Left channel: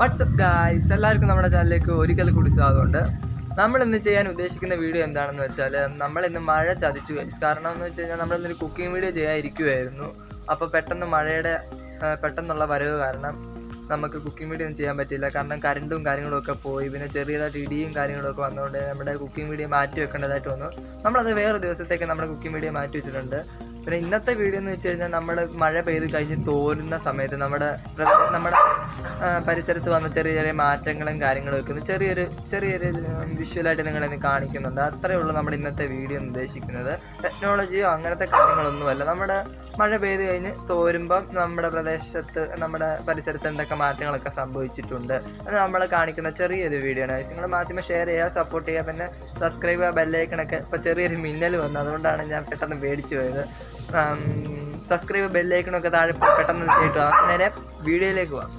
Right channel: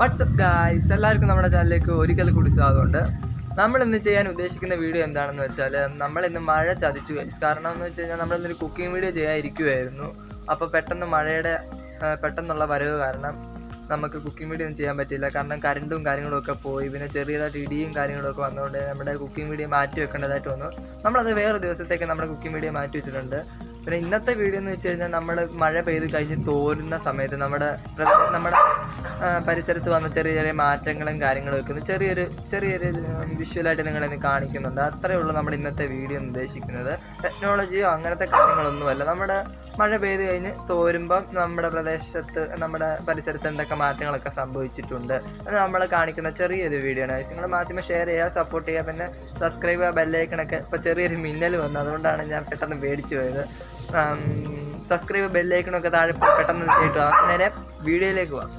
WhatsApp guys, എല്ലാവർക്കും നമ്മുടെ ചാനലിലേക്ക് ഒരിക്കൽ കൂടി സ്വാഗതമുണ്ട്. നമ്മൾ ഇന്ന് ചെയ്യാൻ ഉദ്ദേശിക്കുന്ന വീഡിയോ എന്താണെന്ന് വെച്ചാൽ, നമ്മളിന്ന് മഴ ചതിച്ചു ഗൈസ്. കാരണം എന്ന് വെച്ച് കഴിഞ്ഞാൽ നമ്മളിന്നൊരു കുക്കിംഗ് വീഡിയോ ചെയ്യാതിരിക്കുമായിരുന്നു. അപ്പോൾ പെട്ടെന്നുള്ള വരവ് കാരണം നമുക്ക് കുക്കിംഗ് വീഡിയോ ഒന്നും ചെയ്യാൻ പറ്റില്ല. കാരണം കറണ്ടും കാര്യങ്ങളൊക്കെ പോയി, പിന്നെ ചെറിയതായിട്ട് ഇടിയും കാര്യങ്ങളൊക്കെ വന്നുകൊണ്ട് നമ്മുടെ കുക്കിംഗ് വീഡിയോ മാറ്റി വെക്കേണ്ടതായിട്ട് വന്നു. നമ്മളത് വേറെ ദിവസത്തേക്ക് നമ്മുടെ കുക്കിംഗ് വീഡിയോ മാറ്റി വെച്ചിട്ടുണ്ട്. പിന്നെ ഇന്നത്തെ വീഡിയോ എന്ന് വെച്ച് കഴിഞ്ഞാൽ, നമ്മൾ മഴ പെയ്ത് കഴിഞ്ഞ് തോരുന്ന സമയത്ത് നമ്മുടെ പരിസരത്ത് വന്ന ചെറിയ ചെറിയ മാറ്റങ്ങളും കാര്യങ്ങളും ഒക്കെ ചെറിയൊരു വിഷ്വലായിട്ട് നിങ്ങളിന്ന് കാണിക്കുന്നുണ്ട്. അത്രയേ ഉള്ളൂ നമ്മുടെ ഇന്നത്തെ വീഡിയോ ഉദ്ദേശിക്കുന്നത്. ടെക്നോളജിയോ അങ്ങനത്തെ കാര്യങ്ങളൊന്നുമല്ല. നമ്മുടെ മഴ പെയ്ത് കഴിഞ്ഞ് തോരുമ്പം നമ്മുടെ പരിസരത്ത് എന്തൊക്കെ മാറ്റങ്ങളൊക്കെ സംഭവിച്ചിട്ടുണ്ട് അത് നമ്മൾ കാണിക്കുന്ന ചെറിയൊരു വീഡിയോ ആണ്. നിങ്ങൾ മാധ്യമം ഷെയർ ചെയ്യുക, സപ്പോർട്ട് ചെയ്യുക, പിന്നെ സബ്സ്ക്രൈബ് ചെയ്യുക, ബെല്ലൈക്കണൊക്കെ. ഇപ്പോൾ ചെറിയൊരു മിന്നൽ വന്നു, അതുകൊണ്ടാണ് ഞാൻ പെട്ടെന്ന് പേടിച്ചു പോയത്. സബ്സ്ക്രൈബ് ബെല്ലൈക്കണൊക്കെ താഴെ പെട്ടെന്ന് കേട്ടു. നേരെ വീഡിയോയിലേക്ക് പോവാം.